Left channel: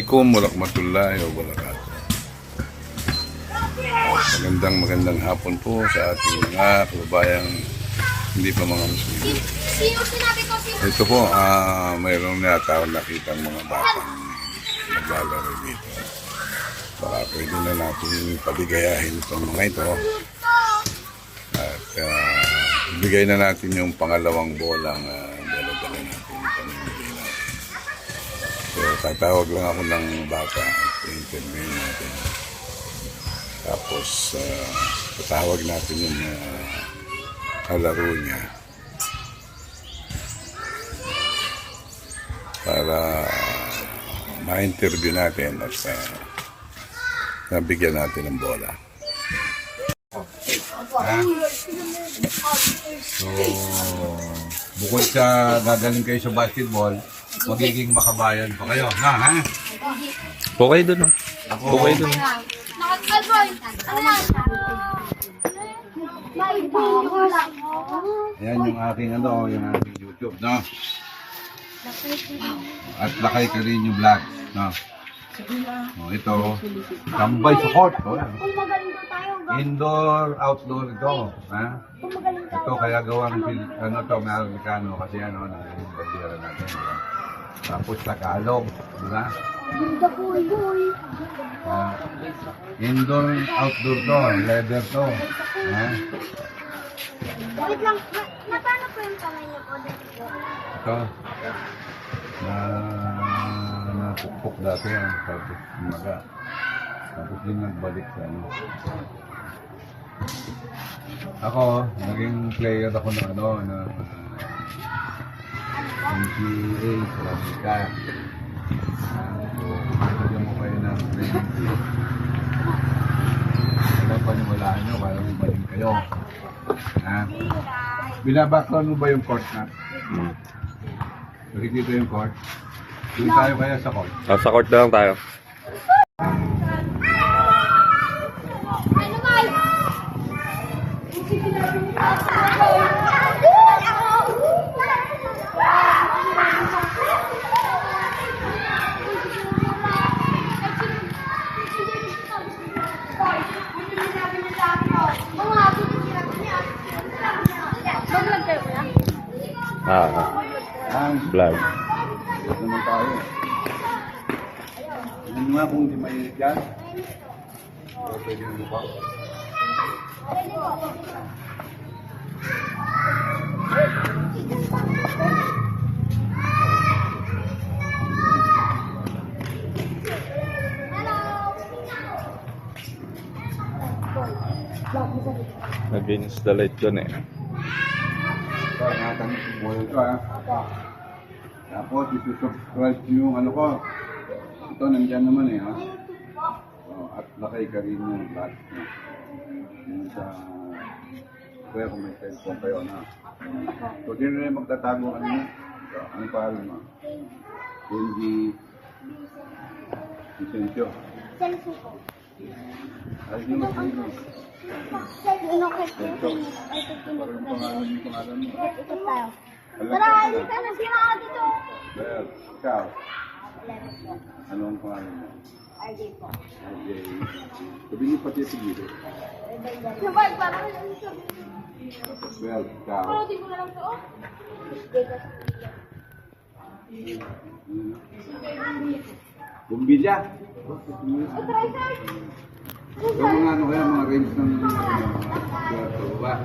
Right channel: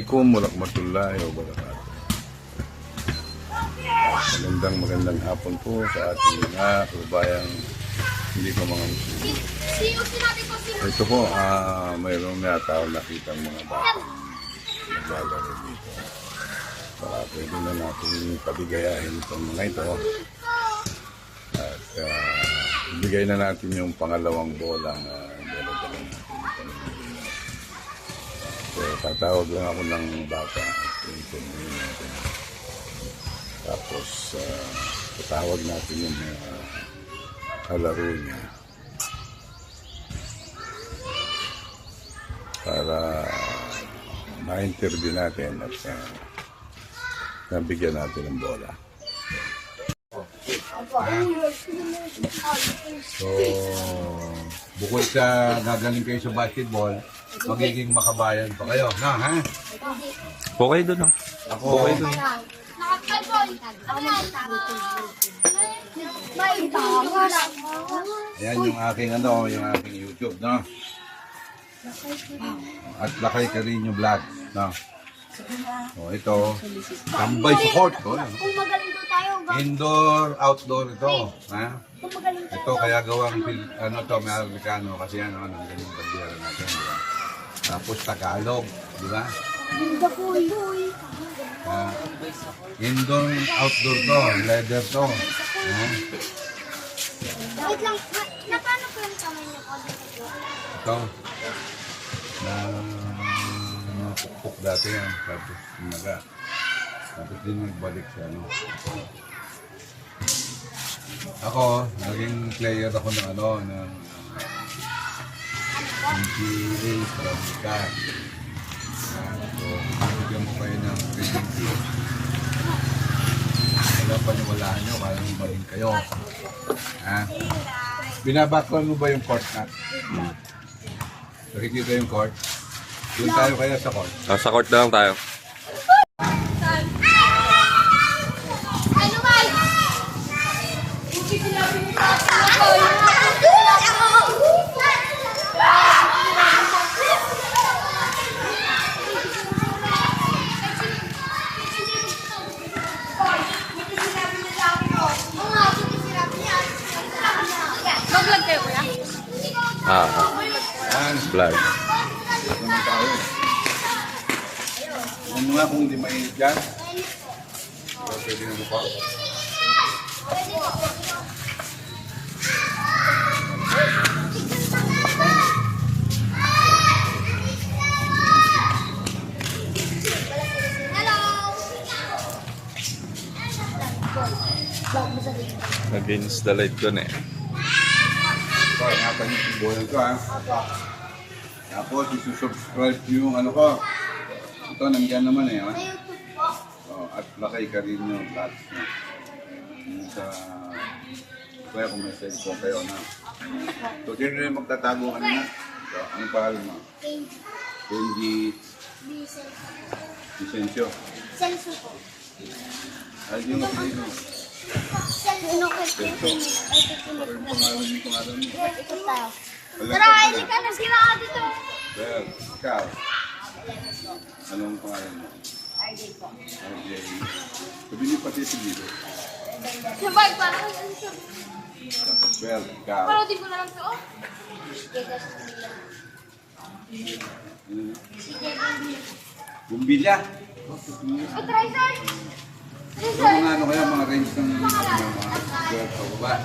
Assalamualaikum warahmatullahi wabarakatuh. Magandang hapon po sa ating mga kababayang hindi pa mga Muslim. Ito po, mayroong nataon nakitang mga batang naglalaro dito. Para pwede na natin pabigayahin itong mga ito. At bigay na natin yung pangalawang bolang dala-dala natin. Pamimigay natin. So, tatawag lang ako ng bata at interview natin. Tapos, tatawag natin yung kalaro niya para ma-interview natin at nabigyan natin ng bola. So, bukod sa gagaling kayo sa basketball, magiging makabayan pa kayo, na ha? Okay doon, no? Okay doon. Ayan yung aking yung aking YouTube, no? At Lakay Carino Vlog, no? O, ito, tambay sa court, oh. Indoor, outdoor ito, ha? Ito kaya gawang to, may Amerikano kasi nagaling bandera natin, di ba? Tapos Tagalog, di ba? Indoor, outdoor to, leather to, ha? Wait lang, paano po yung kamay niyo po dito? Ito, napukpok dati yan, tapos umaga. Tapos din nagbalik sa Ako, naging player ako ng NCAA, Sarabika. So, bigyan mo kayo ng training tips. Wala paniwalaan nyo, parang ibaling kayo. Binabaklan mo ba yung court na? Nakikita yung court? Doon tayo kaya sa court? Sa court na lang tayo. Mag-vlog kayo kuya? Vlog. Ito naman tayo. Yung mga kung hindi mainit dyan, pwede na lupa. Against the light doon eh. So, ingatan niyo yung bola ito, ha? Tapos, isusubscribe niyo yung ko. Ito, nandiyan naman eh, ha? So, at Lakay Carino Vlog. Yung sa... Kaya kung may cellphone kayo, na. So, sino na yung magtatago kanina? So, anong pangalan mo? Benji Vicencio. Celso po. Ay, di mo kanina. Celso ko. Ito tayo. Tara, hindi ka na sila dito. Well, ikaw. Anong pangalan mo? RJ po. RJ. Sabi niyo pati sa gilo. Sabay, parang ano sabi. Well, ikaw. Parotin ko na lang to, oh. Bumbilya. Ay, try, sir. Yung mga kaya, mga range ng mga ba?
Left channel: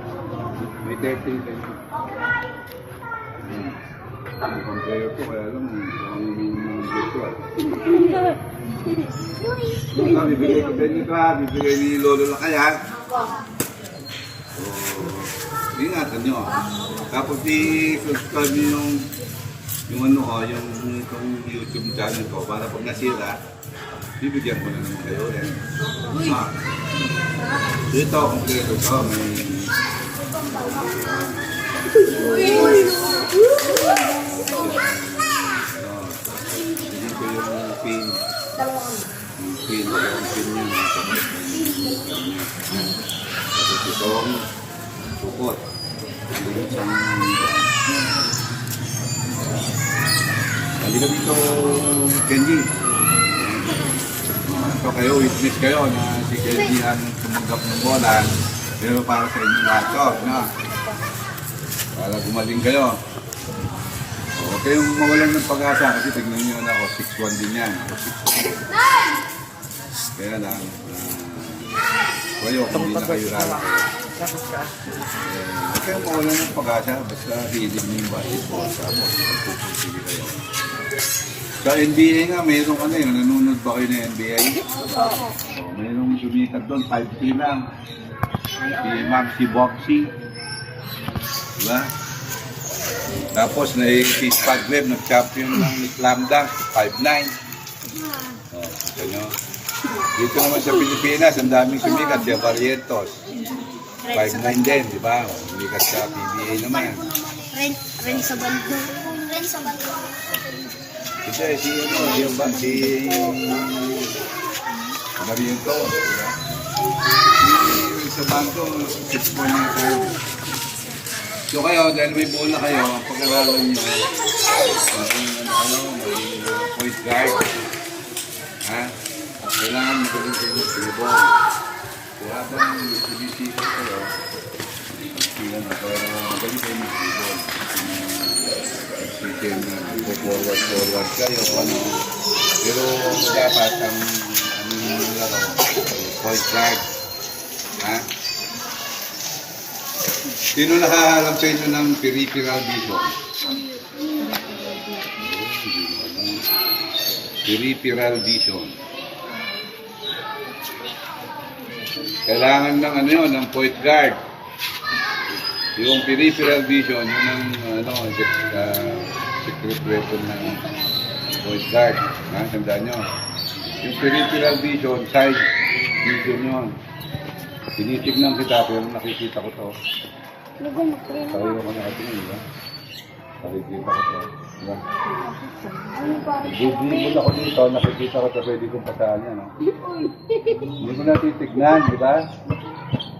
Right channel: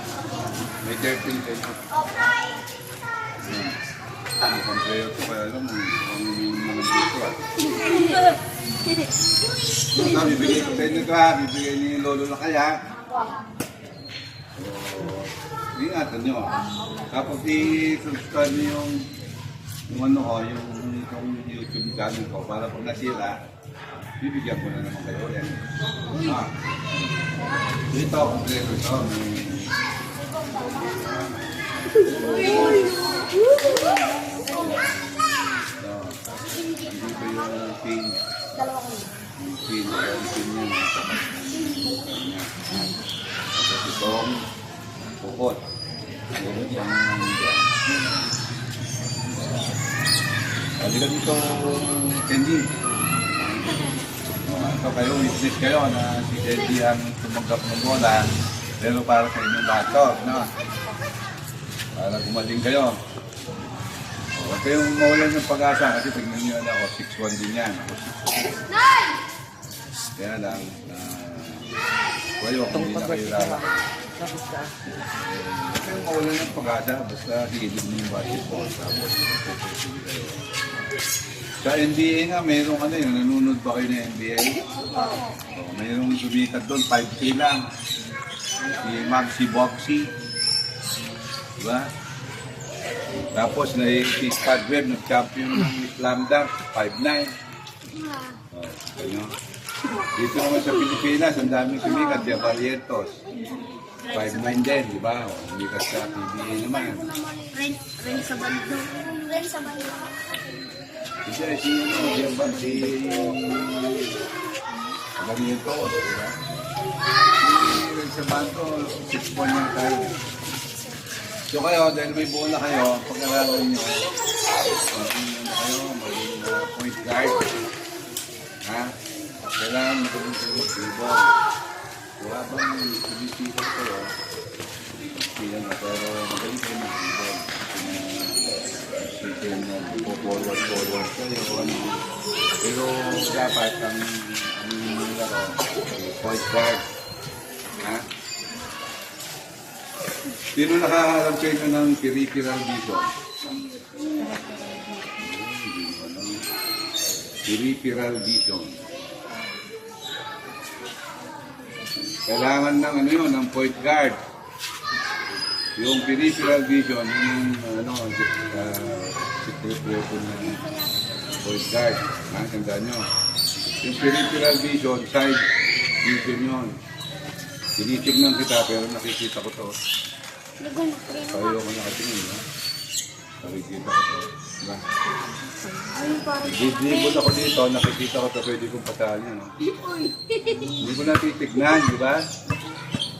May 13 pesos. Ang pampreo ko, kaya alam mo, ang mga dito. Bibigay ko sa inyo ito, ha? Bibigay ni Lolo Lakay, ha? So, ingatan nyo. Tapos i-subscribe nyo yung YouTube channel ko para pag nasira, bibigyan ko na naman kayo ulit. Dito, kompleto ito. Dito yung pin. Yung pin yun. Tapos itong tukot. Halika dito, Kenji. So kayo, witness kayo na si KD ang tumanggap ng bola. Pero para sa inyong lahat to, no? Para gumaling kayo. Huwag kayong mawalan ng pag-asa kasi tignan nyo na ako, 6'1 din yan. Kaya lang, kayo, kung hindi na kayo rara. Huwag kayong mawalan ng pag-asa, basta hilig nyo yung basketball. Tapos, sige kayo. Sa NBA nga, mayroong ano yun, nanonood ba kayo ng NBA? Mayroong sumikat doon, 5K lang. Si Maxi Boxy. Diba? Tapos, si Spadler, nag-champion ng slam dunk, 5'9". Dito naman sa Pilipinas, ang daming sumikat, si Barrientos. 5'9 din, di ba? Sumikat sa PBA naman. Ren sa bando. Ren sa bando. Kasi si Barrientos, di ba? Sa bando, 6 point na tayo. So kayo, dahil may bola kayo, pag-aralan nyo, maging point guard. Ha? Kailangan magaling kayo mag-dribble. Kung habang sinisipot kayo, pero magaling kayo mag-dribble. Kasi forward kayo, ano. Pero dapat ang laro, point guard. Ha? Sino nakaharap sa inyo ng peripheral vision? Peripheral vision. Kailangan ng ano yun, ng point guard. Yung peripheral vision, yun ang secret weapon ng point guard. Ha? Tandaan nyo. Yung peripheral vision, side vision yun. Tinitignan kita pero nakikita ko to. Payo ko nakatingin, diba? Nakikita ko to. Diba? Bubulibol ako dito, nakikita ko to, pwede kong pataan yan, no? Hindi ko natitignan, di ba?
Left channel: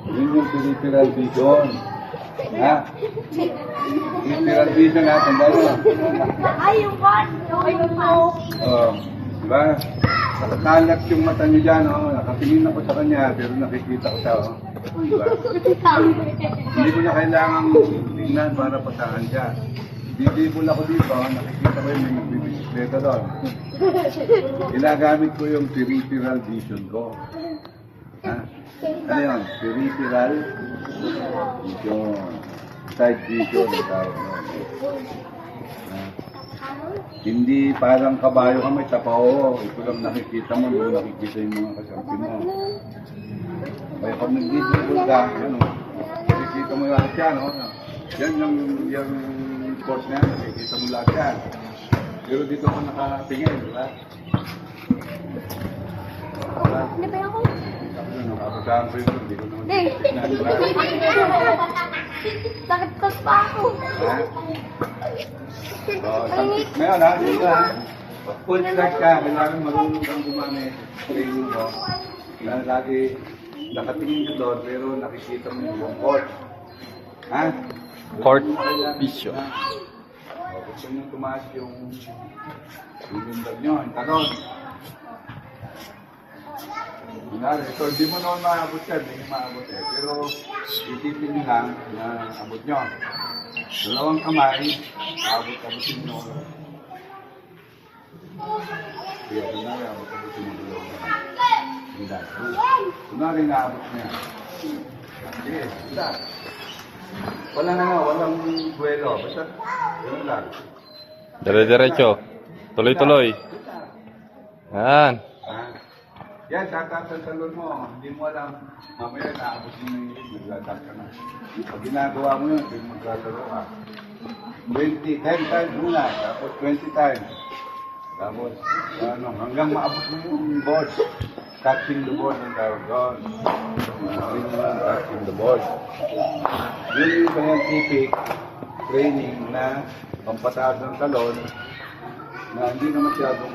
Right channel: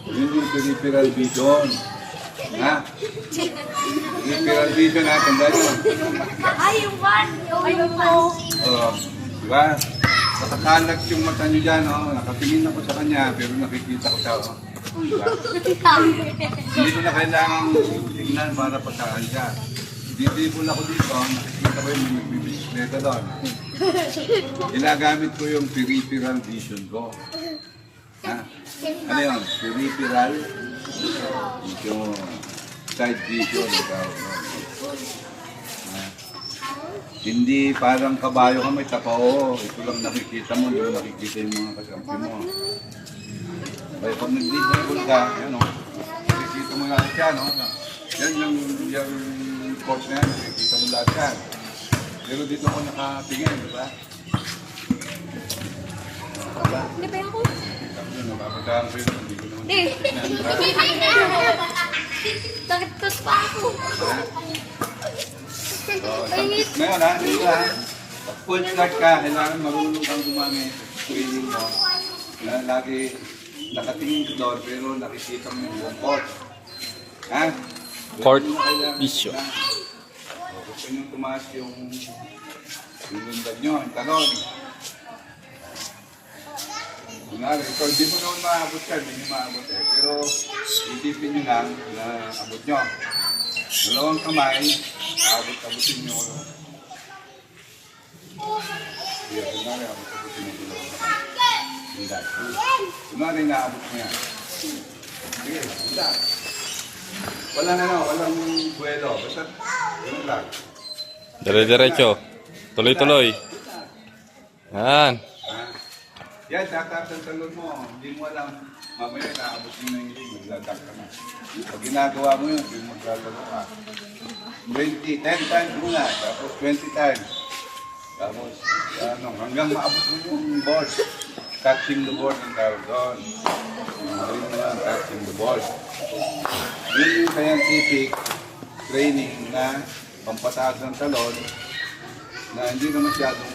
Yun yung peripheral vision. Ha? Peripheral vision, ha? Tanda nyo. Ay, yung one! Yung mo! Di ba? Nakatalak yung mata nyo dyan, no? Nakatingin ako sa kanya, pero nakikita ko siya, oh. Diba? Hindi ko na kailangan tingnan para pasahan siya. Didibol ako dito, nakikita ko yung bisikleta doon. Ilagamit ko yung peripheral vision ko. Ha? Ano yun? Peripheral vision. Side vision. Hindi parang kabayo ka may tapaw. Ito lang nakikita mo, hindi mo nakikita yung mga kasampi mo. Kaya pag nag-dibol ka, yan o. Nakikita mo lahat yan, o. Yan yung court na yan, nakikita mo lahat yan. Pero dito ko nakatingin, di ba? Hindi pa ako. Nakapagkaan ko yun, hindi ko naman. Bakit pas pa ako? Ngayon ha, dito ha. Pag full start ka, kailangan marunong kang gumamit. Training mo. Lagi nakatingin ko doon, pero nakikita mo yung buong court. Ha? Court vision. Gusto nyo tumaas yung lundag nyo, yung talon. Ito, hindi mo naman maabot ka, hindi nyo maabot eh. Pero isipin nyo lang na abot nyo. Dalawang kamay, abot-abotin nyo. Kaya, kunwari, abot-abotin nyo dalawang kamay. Hindi. Kunwari, naabot niya. Sige, hindi. Wala na nga, walang buwelo. Basta, gano'n lang. Dire-diretso. Tuloy-tuloy. Yan. Yan, tataas ang talon mo. Hindi mo alam. Mamaya naabot mo na yung rig, maglatak ka na. Pag ginagawa mo yun, hindi maglalaro ka. 10 times muna, tapos 20 times. Tapos, hanggang maabot mo yung board. Touching the board ang tawag doon. Touching the board. Yun yung scientific training na pampataas ng talon na hindi na masyadong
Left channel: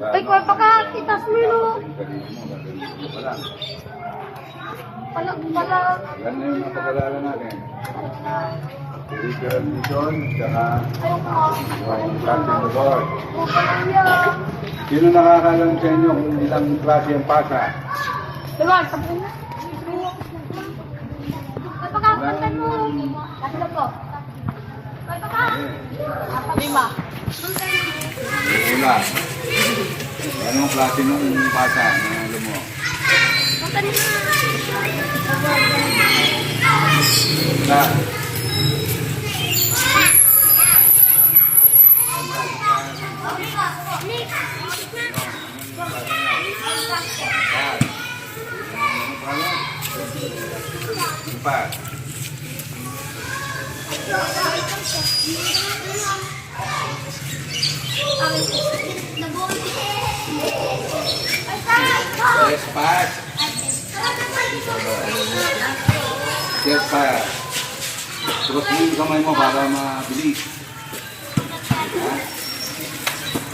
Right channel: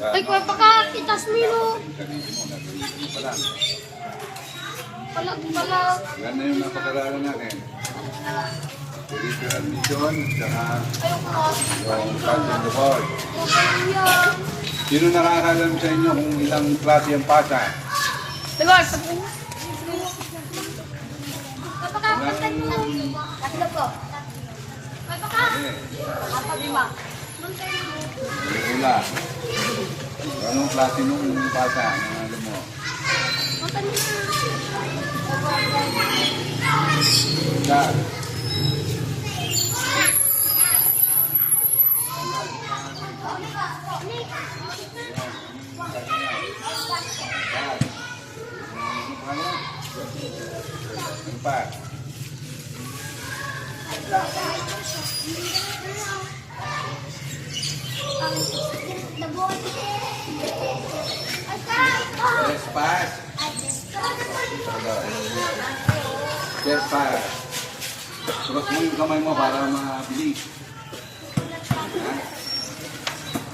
Ay, kung pagkakitas mo yun, palag. yan na yung napag-aralan natin. peripheral vision, saka Ayoko nga. yung planting board. Huwag ka lang yan. Sino nakakalam sa inyo kung ilang klase ang pasa? Lord, pag napakakasan mo. Tatlo po. Lima. Ula. Anong klase nung pasa na alam mo? Isa. Empat. Espas. Espas. Terus mo yung kamay mo para mabilis.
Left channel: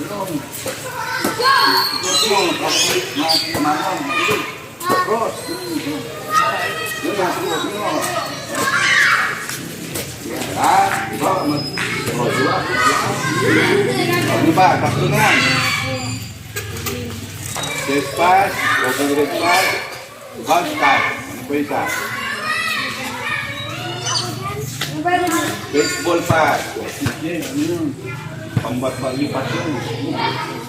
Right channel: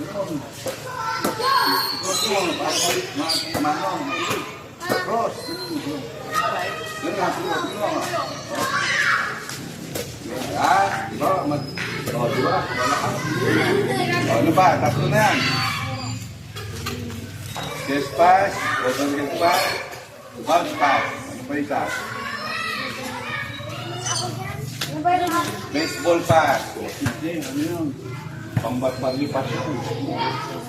Belum. Terus mo, mabilis. Terus. Ya, ito, dua. Ano ba? Tatlo na yan. Chest pass, open leg pass, bulge pass. Ano pa isa? Baseball pass. Ano yun? Pambat-balipat yun.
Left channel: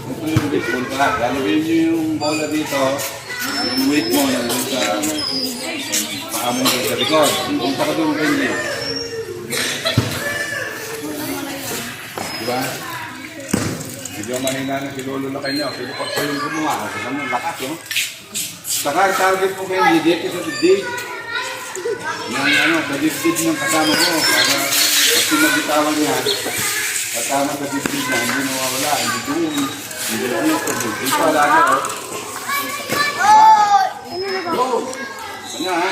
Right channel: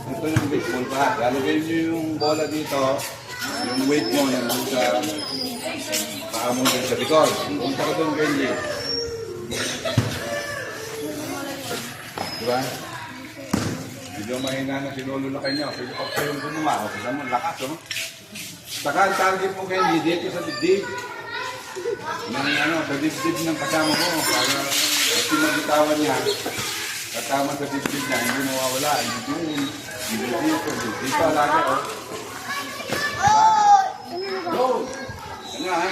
Ito yung baseball pass. Lalagay nyo yung bola dito. Yung weight mo yan sa paamong sa likod. Kung saka doon ganyan. Diba? Medyo mahina na si Lolo na kayo. Pero pag kayong gumawa, kasi mo lakas, no? Saka ang target mo kayo, hindi dito sa dibdib. Sa dibdib ng kasama mo. Para kasi magitawan niya, kasama sa dibdib na, hindi nawawala. Hindi doon. Hindi doon sa dibdib. Dito alaga, oh. Go! Ano, ha?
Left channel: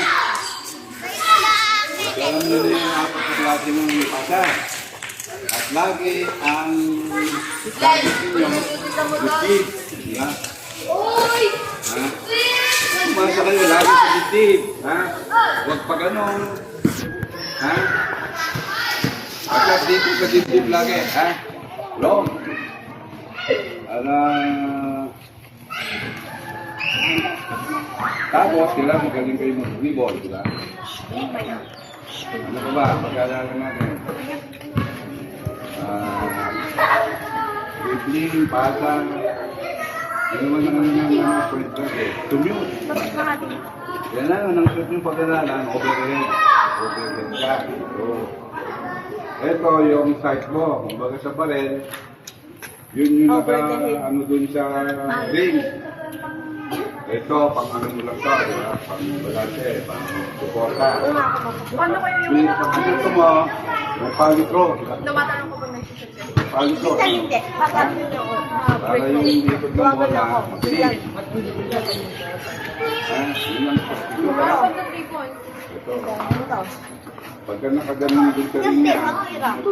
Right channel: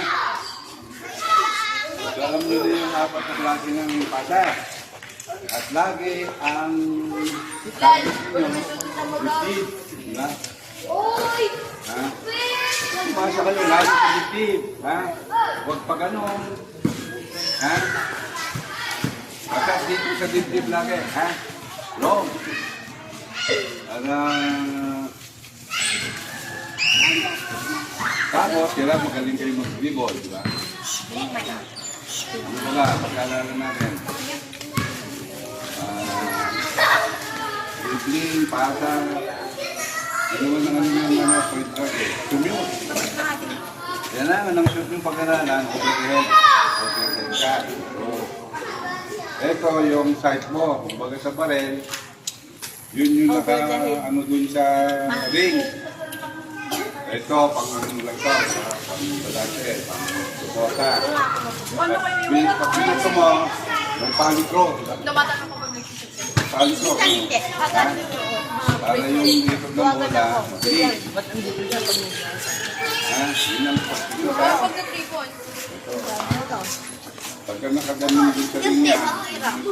Alam nyo na yung apat na klase ng pasa. At lagi ang target ninyo, dibdib. Diba? Ha? Umasa kayo lagi sa dibdib. Ha? Huwag pa ganon. Ha? Pagkat dito sa dibdib lagi. Ha? Long. Para... Tapos, sila magaling kayo mag-volleyball, diba? Ano ba ba? Pag-alala natin. Dribbling, pasang. Ano naman na kami ng mga point guard eh. Commute. Kaya naman, ang shoot yung pag-alalan, overhead. Overhead ka. So, ito yung sight mo. Kumbaga sa barel, yun yung naka, ano dun sa ring. Ito, pang ano lang to, pang balance, pang suporta. Pag gusto mo, yung palikro. Tumatanong ko pag nagsisit. Palikro. Hindi. Pagkat yun. Para yung likod ng bola, mabilis. Yun ang palikro. Pag na 3 points. Ito. Pagka nakaganon dun sa ring niya, slide mo,